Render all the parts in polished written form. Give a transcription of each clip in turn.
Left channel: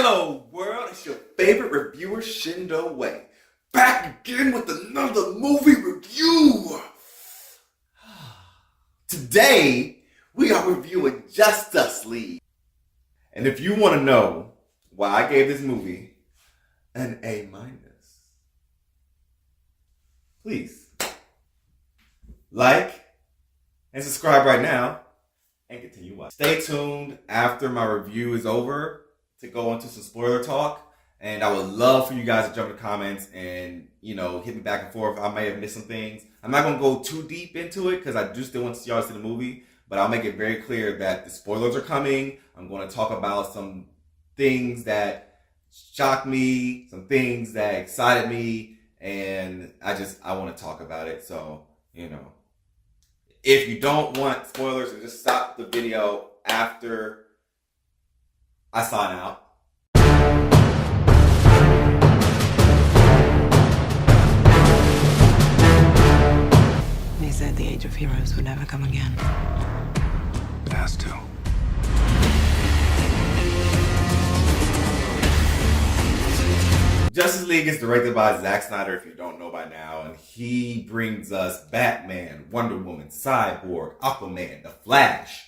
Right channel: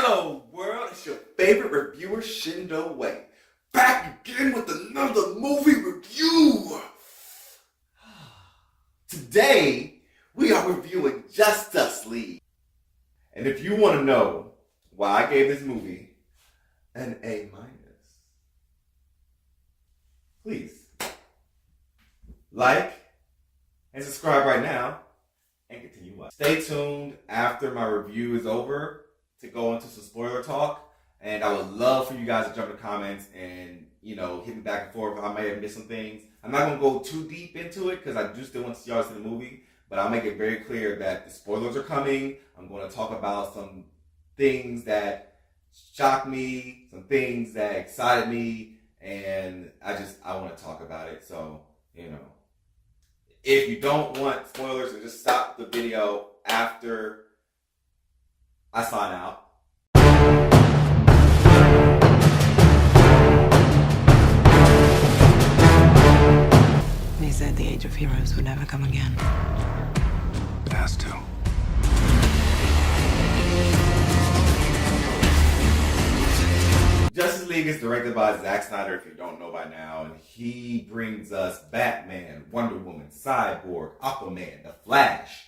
Hello world, it's your favorite reviewer Shyndoway, back again with another movie review. Today, we are reviewing Justice League. And if you want to know why I gave this movie an A-, please like and subscribe right now and continue watching. Stay tuned after my review is over to go into some spoiler talk, and I would love for you guys to jump in the comments and, hit me back and forth. I may have missed some things. I'm not going to go too deep into it because I do still want y'all to see the movie, but I'll make it very clear that the spoilers are coming. I'm going to talk about some things that shocked me, some things that excited me, and I want to talk about it. So, if you don't want spoilers, then just stop the video after I sign out. They said the age of heroes would never come again. It has to. Justice League is directed by Zack Snyder, if you don't know by now, and he brings us Batman, Wonder Woman, Cyborg, Aquaman, The Flash,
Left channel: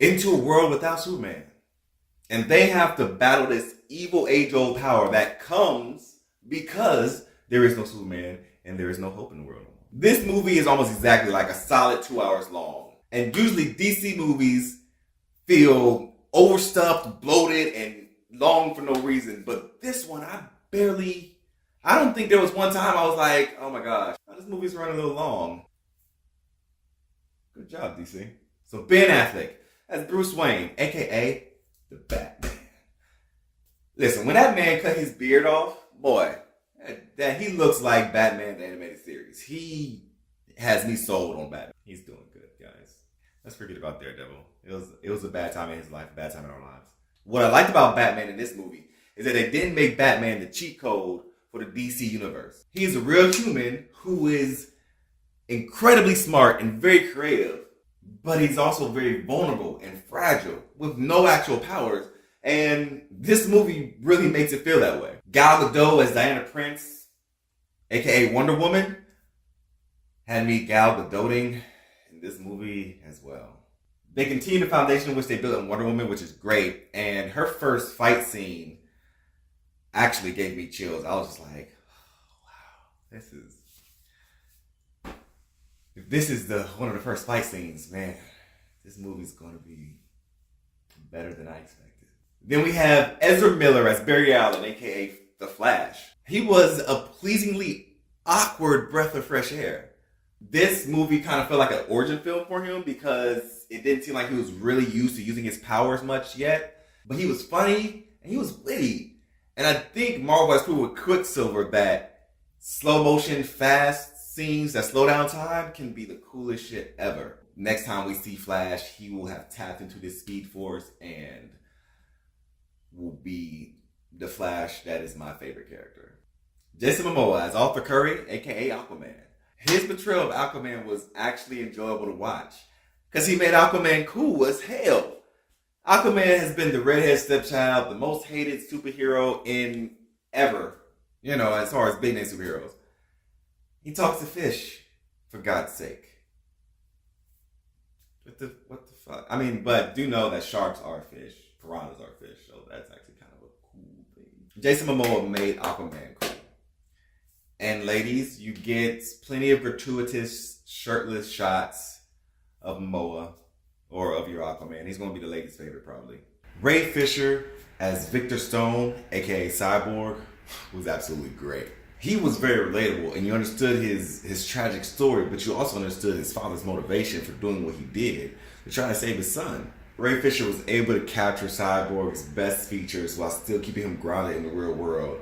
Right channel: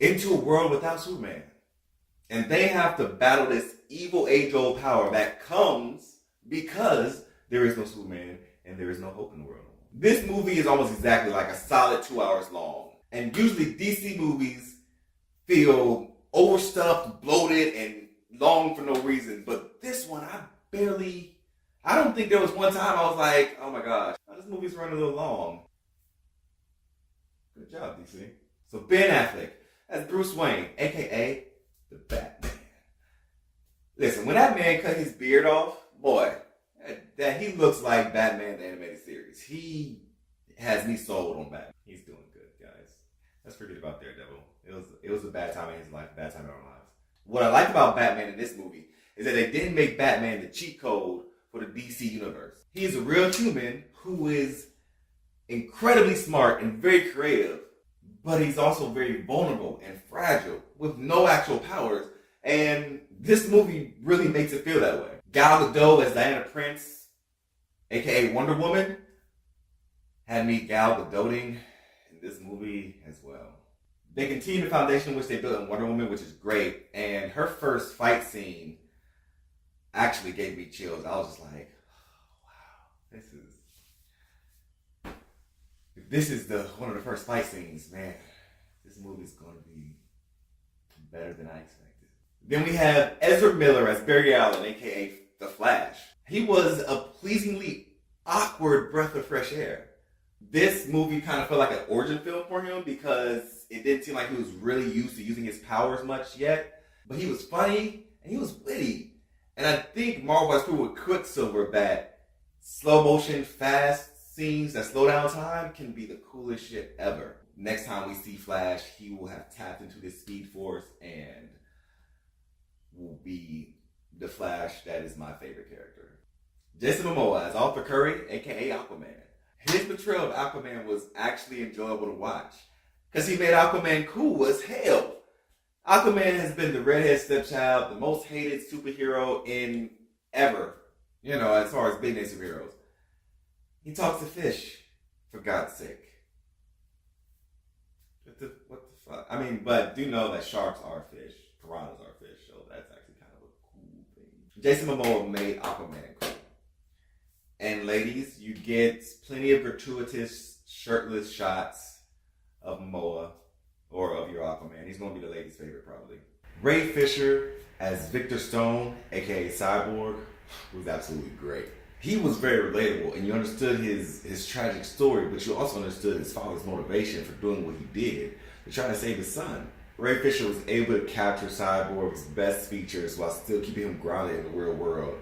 into a world without Superman. And they have to battle this evil age-old power that comes because there is no Superman and there is no hope in the world. This movie is almost exactly like a solid 2 hours long. And usually DC movies feel overstuffed, bloated, and long for no reason. But this one, I don't think there was one time I was like, oh my gosh, this movie's running a little long. Good job, DC. So Ben Affleck as Bruce Wayne, aka the Batman. Listen, when that man cut his beard off, boy, that he looks like Batman the animated series. He has me sold on Batman. He's doing good, guys. Let's forget about Daredevil. It was a bad time in his life, a bad time in our lives. What I liked about Batman in this movie is that they didn't make Batman the cheat code for the DC universe. He's a real human who is incredibly smart and very creative, but he's also very vulnerable and fragile with no actual powers. And this movie really makes it feel that way. Gal Gadot as Diana Prince, aka Wonder Woman, had me Gal Gadoting in this movie as well. They continue the foundation which they built in Wonder Woman, which is great. And her first fight scene actually gave me chills. I was just like, oh, wow, this is one of the first fight scenes, man. This movie's gonna be better than I expected. Then we have Ezra Miller as Barry Allen, aka The Flash. He was a pleasingly awkward breath of fresh air. This movie kind of felt like an origin film for him because it didn't seem like he was really used to using his powers much yet. But he was funny and he was witty. And I think Marvel has proven with Quicksilver that slow motion, fast scenes that slow down time can be the coolest shit ever. Next time we see Flash, he will have tapped into this speed force and will be the Flash that is my favorite character. Jason Momoa as Arthur Curry, aka Aquaman. His portrayal of Aquaman was actually enjoyable to watch because he made Aquaman cool as hell. Aquaman has been the redhead stepchild, the most hated superhero in ever, as far as big name superheroes. He talks to fish, for God's sake. What the fuck? I mean, but do know that sharks are fish, piranhas are fish, so that's actually kind of a cool thing. Jason Momoa made Aquaman cool. And ladies, you get plenty of gratuitous shirtless shots of Momoa or of your Aquaman. He's going to be the ladies' favorite probably. Ray Fisher as Victor Stone, aka Cyborg, was absolutely great. He was very relatable, and you understood his tragic story, but you also understood his father's motivation for doing what he did to try to save his son. Ray Fisher was able to capture Cyborg's best features while still keeping him grounded in the real world.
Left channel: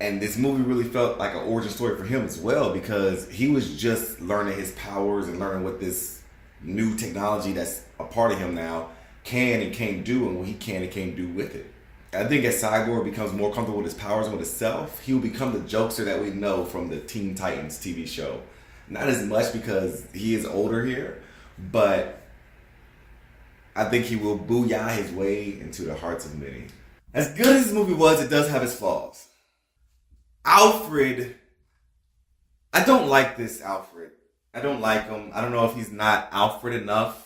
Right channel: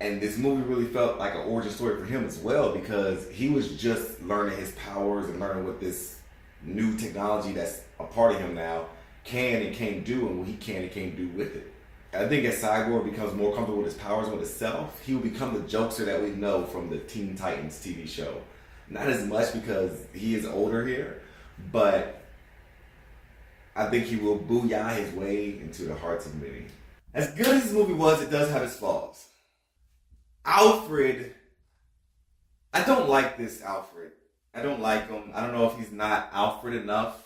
And this movie really felt like an origin story for him as well because he was just learning his powers and learning what this new technology that's a part of him now can and can't do and what he can and can't do with it. I think as Cyborg becomes more comfortable with his powers and with himself, he will become the jokester that we know from the Teen Titans TV show. Not as much because he is older here, but I think he will booyah his way into the hearts of many. As good as this movie was, it does have its flaws. Alfred, I don't like this Alfred. I don't like him. I don't know if he's not Alfred enough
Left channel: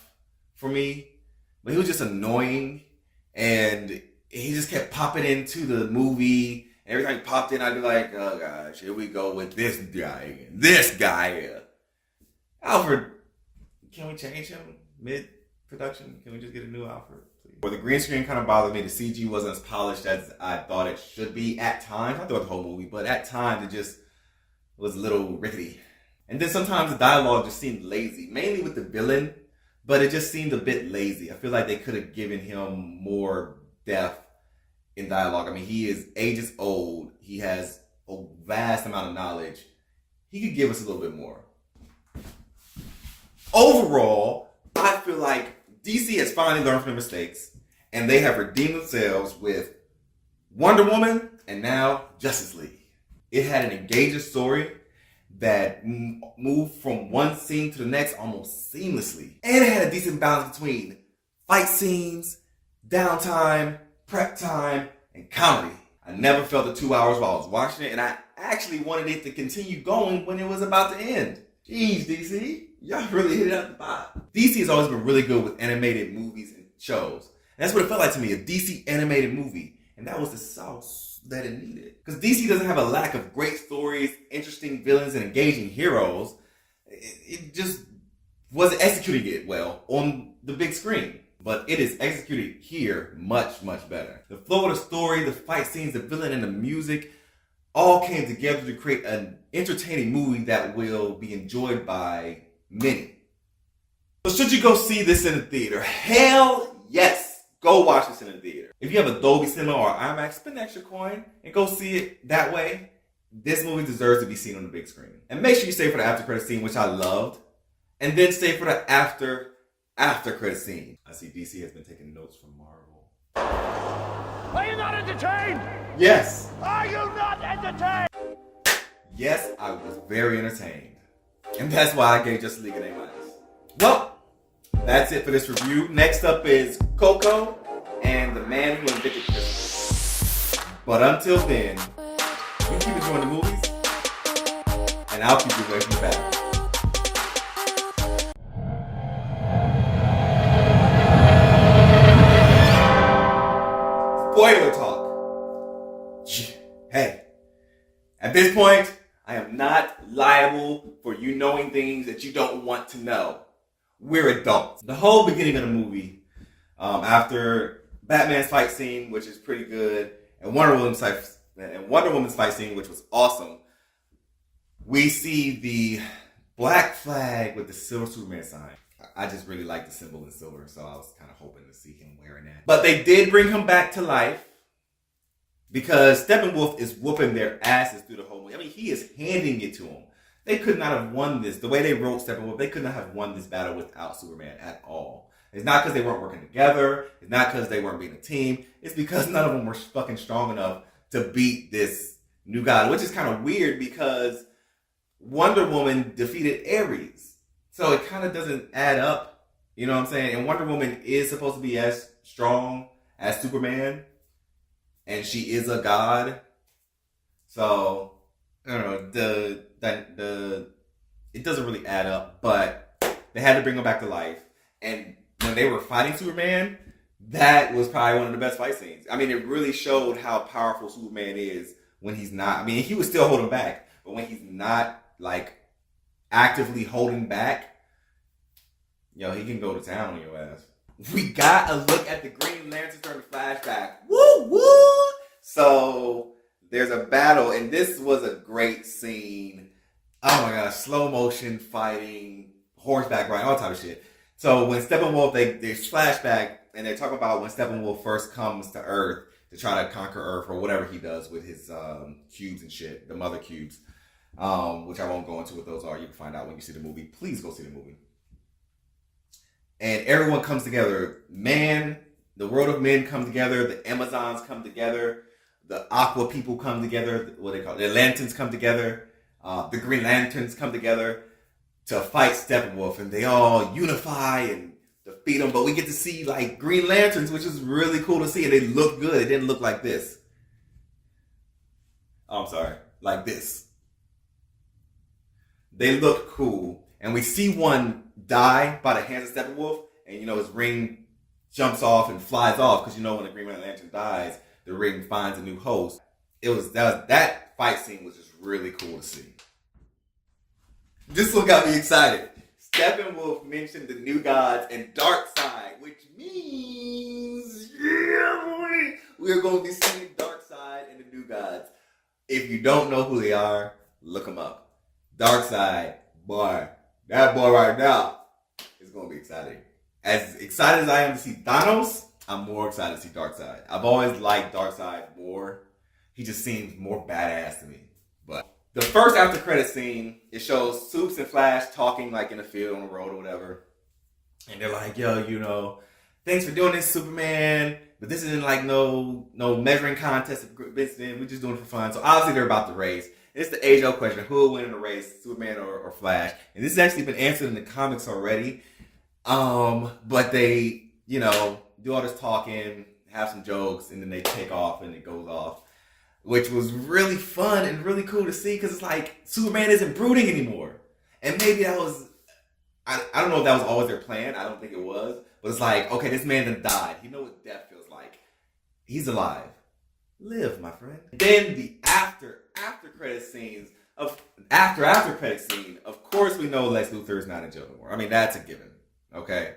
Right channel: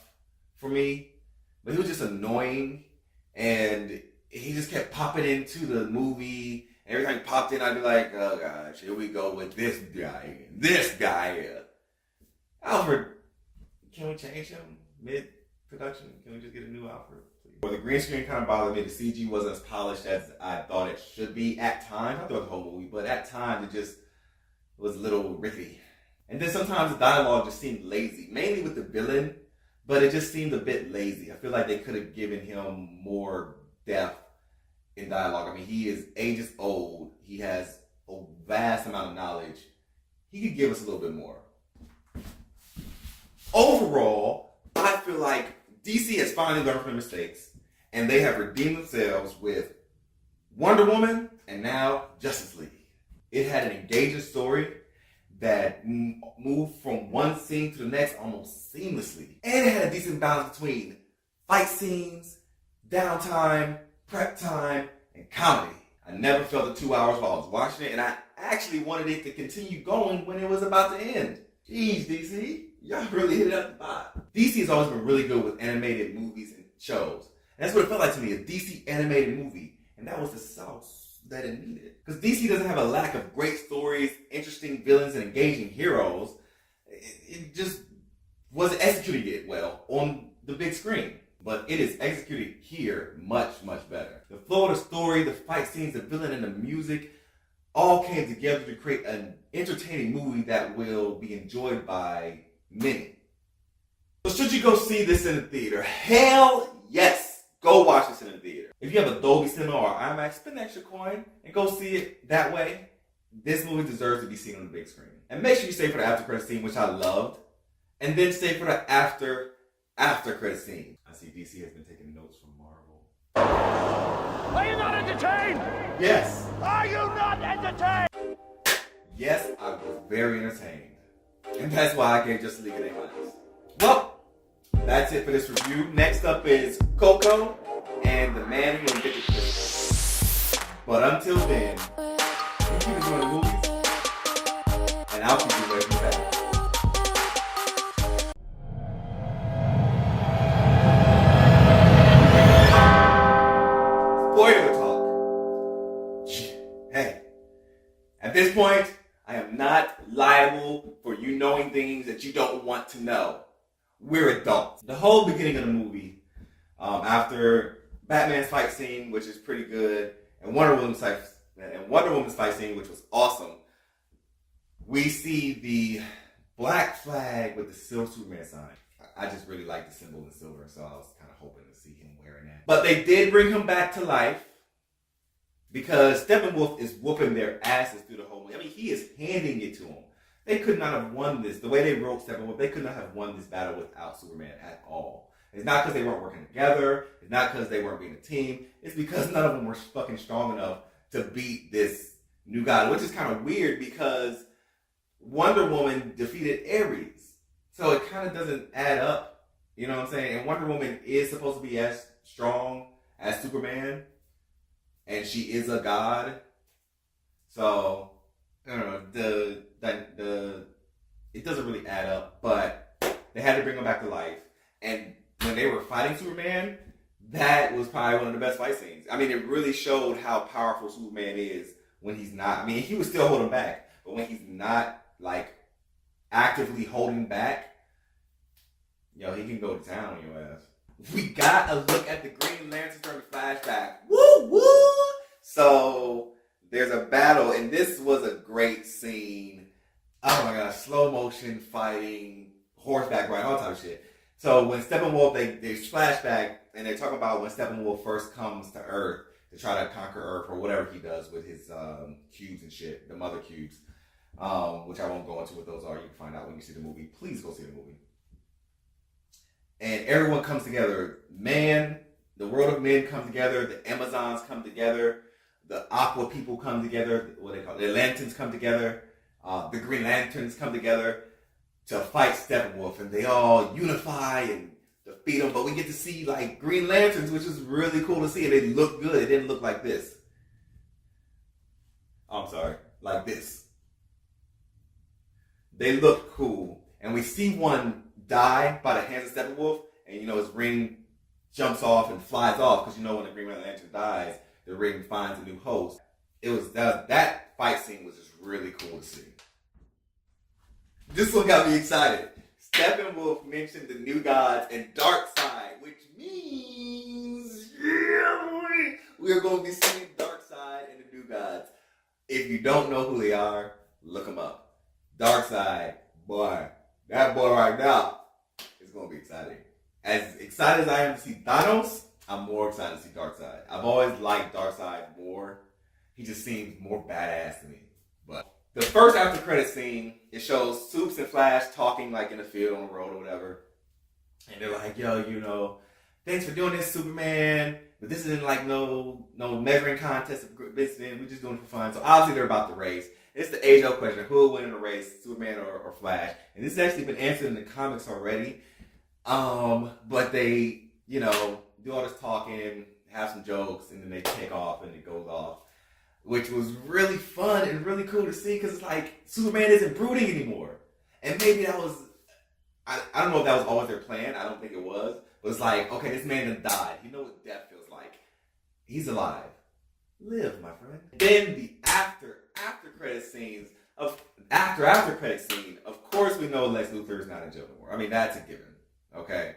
for me, but he was just annoying, and he just kept popping into the movie. Every time he popped in, I'd be like, oh gosh, here we go with this guy again. This guy here. Alfred, can we change him mid-production? Can we just get a new Alfred, please? Well, the green screen kind of bothered me. The CG wasn't as polished as I thought it should be at times. Not throughout the whole movie, but at times it just was a little rickety. And then sometimes the dialogue just seemed lazy, mainly with the villain, but it just seemed a bit lazy. I feel like they could have given him more depth in dialogue. I mean, he is ages old. He has a vast amount of knowledge. He could give us a little bit more. Overall, I feel like DC has finally learned from their mistakes, and they have redeemed themselves with Wonder Woman and now Justice League. It had an engaging story that moved from one scene to the next almost seamlessly. And it had a decent balance between fight scenes, downtime, prep time, and comedy. I never felt the 2 hours while I was watching it, and I actually wanted it to continue going when it was about to end. Jeez, DC, y'all really hit it out the spot. DC has always been really good with animated movies and shows. And that's what it felt like to me, a DC animated movie. And that was the sauce that it needed. Because DC doesn't have a lack of great stories, interesting villains, and engaging heroes. It just wasn't executing it well on the big screen. But it is executed here much, much better. The flow of the story, the fight scenes, the villain, and the music all came together to create an entertaining movie that will be enjoyed by many. So should you go see this in the theater? Hell yes! Go watch this in the theater. If you have a Dolby Cinema or IMAX, spend an extra coin and go see it that way. This movie deserves to be seen on the big screen. And make sure you stay for the after credit scene, which I loved. And then stay for the after credit scene. I see DC has been taking notes from Marvel. Are you not entertained? Yes. Are you not entertained? Yes, I was very entertained. And that's why I gave Justice League an A-. Well, that's it for this review. Next up is Coco and the Man Who Invented Christmas. But until then, you keep enjoying the movies, and I'll keep you away from the bad. Spoiler talk. Hey, at this point, I am not liable for you knowing things that you don't want to know. We're adults. The whole beginning of the movie, after Batman's fight scene, which is pretty good, and Wonder Woman's fight scene, which was awesome, we see the black flag with the silver Superman sign. I just really like the symbol in silver, so I was kind of hoping to see him wearing that. But they did bring him back to life because Steppenwolf is whooping their asses through the whole movie. I mean, he is handing it to them. They could not have won this. The way they wrote Steppenwolf, they could not have won this battle without Superman at all. It's not because they weren't working together. It's not because they weren't being a team. It's because none of them were fucking strong enough to beat this new god, which is kind of weird because Wonder Woman defeated Ares. So it kind of doesn't add up. You know what I'm saying? And Wonder Woman is supposed to be as strong as Superman. And she is a god. So, I don't know, it doesn't really add up, but they had to bring him back to life. And when they were fighting Superman, that was probably one of the best fight scenes. I mean, it really showed how powerful Superman is when he's not. I mean, he was still holding back, but when he's not, like, actively holding back, he can go to town on your ass. We got a look at the Green Lantern during the flashback. Woo, woo! So, there's a battle, and this was a great scene. Oh my gosh, slow motion fighting, horseback riding, all type of shit. So when Steppenwolf, they flashback, and they talk about when Steppenwolf first comes to Earth to try to conquer Earth, or whatever he does with his cubes and shit, the mother cubes, which I won't go into what those are. You can find out when you see the movie. Please go see the movie. And everyone comes together. The world of men come together. The Amazons come together. The Aqua people come together. What they call it? The Lanterns come together. The Green Lanterns come together to fight Steppenwolf. And they all unify and beat them, but we get to see like Green Lanterns, which is really cool to see, and they look good. It didn't look like this. Oh, I'm sorry, like this. They look cool, and we see one die by the hands of Steppenwolf, and you know his ring jumps off and flies off because you know when a Green Lantern dies, the ring finds a new host. That fight scene was just really cool to see. This one got me excited. Steppenwolf mentioned the New Gods and Darkseid, which means we're going to be seeing Darkseid and the New Gods. If you don't know who they are, look them up. Darkseid, boy, that boy right now is going to be exciting. As excited as I am to see Thanos, I'm more excited to see Darkseid. I've always liked Darkseid more. He just seems more badass to me. But the first after credit scene, it shows Supes and Flash talking like in the field on the road or whatever. And they're like, yo, you know, thanks for doing this, Superman. But this isn't like no measuring contest. We're just doing it for fun. So obviously they're about the race. It's the age-old question. Who will win in the race, Superman or Flash? And this has actually been answered in the comics already. But they, you know, do all this talking, have some jokes, and then they take off and it goes off. Which was really fun and really cool to see because it's like Superman isn't brooding anymore. And maybe that was, I don't know if that was always their plan. I don't think it was. But it's like, okay, this man done died. You know what death feels like. He's alive. Live, my friend. Then the after credit scenes of after credit scene, of course we know Lex Luthor is not in jail anymore. I mean, that's a given. Okay.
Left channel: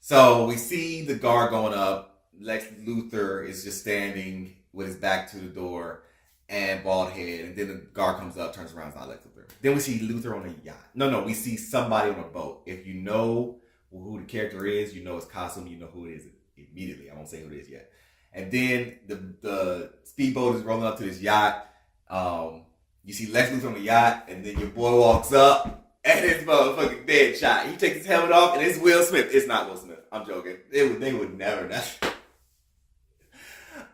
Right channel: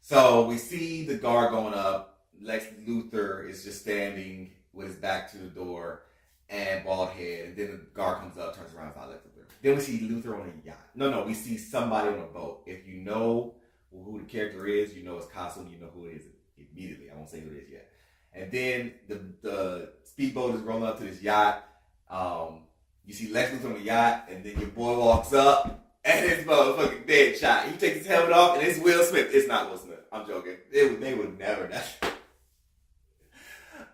So we see the guard going up. Lex Luthor is just standing with his back to the door and bald head, and then the guard comes up, turns around, it's not Lex Luthor. Then we see Luthor on a yacht. No, we see somebody on a boat. If you know who the character is, you know his costume, you know who it is immediately. I won't say who it is yet. And then the speedboat is rolling up to this yacht. You see Lex Luthor on the yacht, and then your boy walks up, and it's motherfucking dead shot. He takes his helmet off, and it's Will Smith. It's not Will Smith. I'm joking. They would never.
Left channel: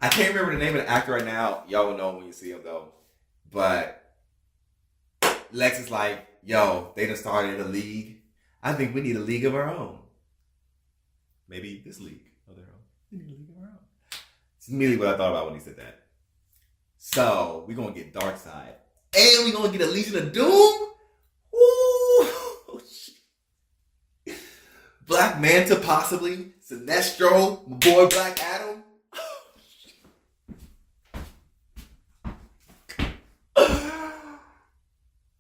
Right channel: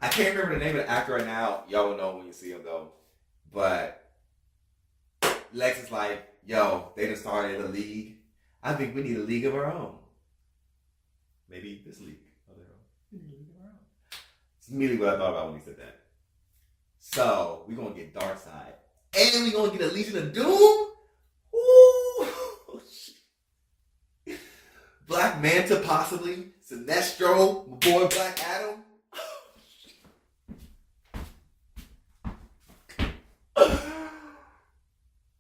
I can't remember the name of the actor right now. Y'all will know when you see him, though. But Lex is like, yo, they done started a league. I think we need a league of our own. Maybe this league of their own. We need a league of our own. It's immediately what I thought about when he said that. So, we're going to get Darkseid. And we're going to get a Legion of Doom? Ooh. Black Manta, possibly. Sinestro, my boy Black Adam.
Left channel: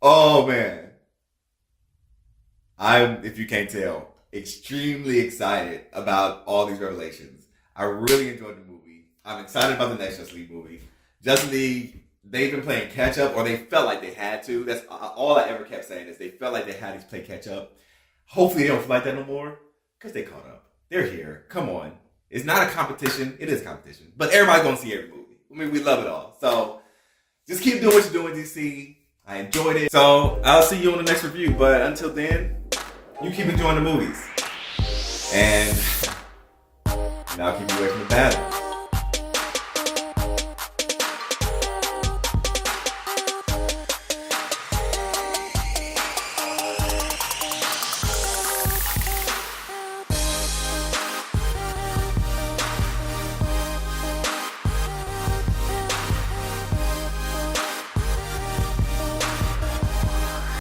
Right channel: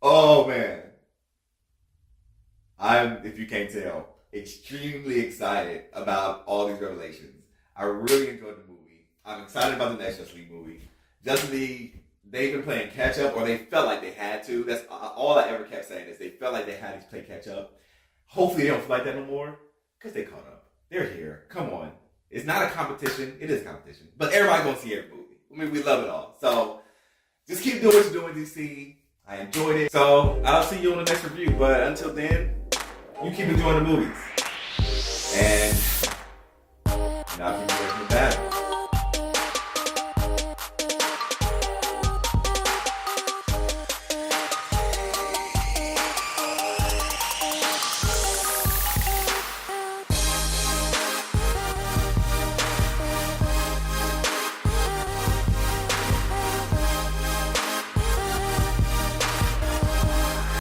Oh man, I'm, if you can't tell, extremely excited about all these revelations. I really enjoyed the movie. I'm excited about the next Justice League movie. Justice League, they've been playing catch up, or they felt like they had to. That's all I ever kept saying is they felt like they had to play catch up. Hopefully they don't feel like that no more, because they caught up. They're here. Come on. It's not a competition. It is a competition. But everybody's going to see every movie. I mean, we love it all. So just keep doing what you're doing, DC. I enjoyed it. So I'll see you on the next review. But until then, you keep enjoying the movies. And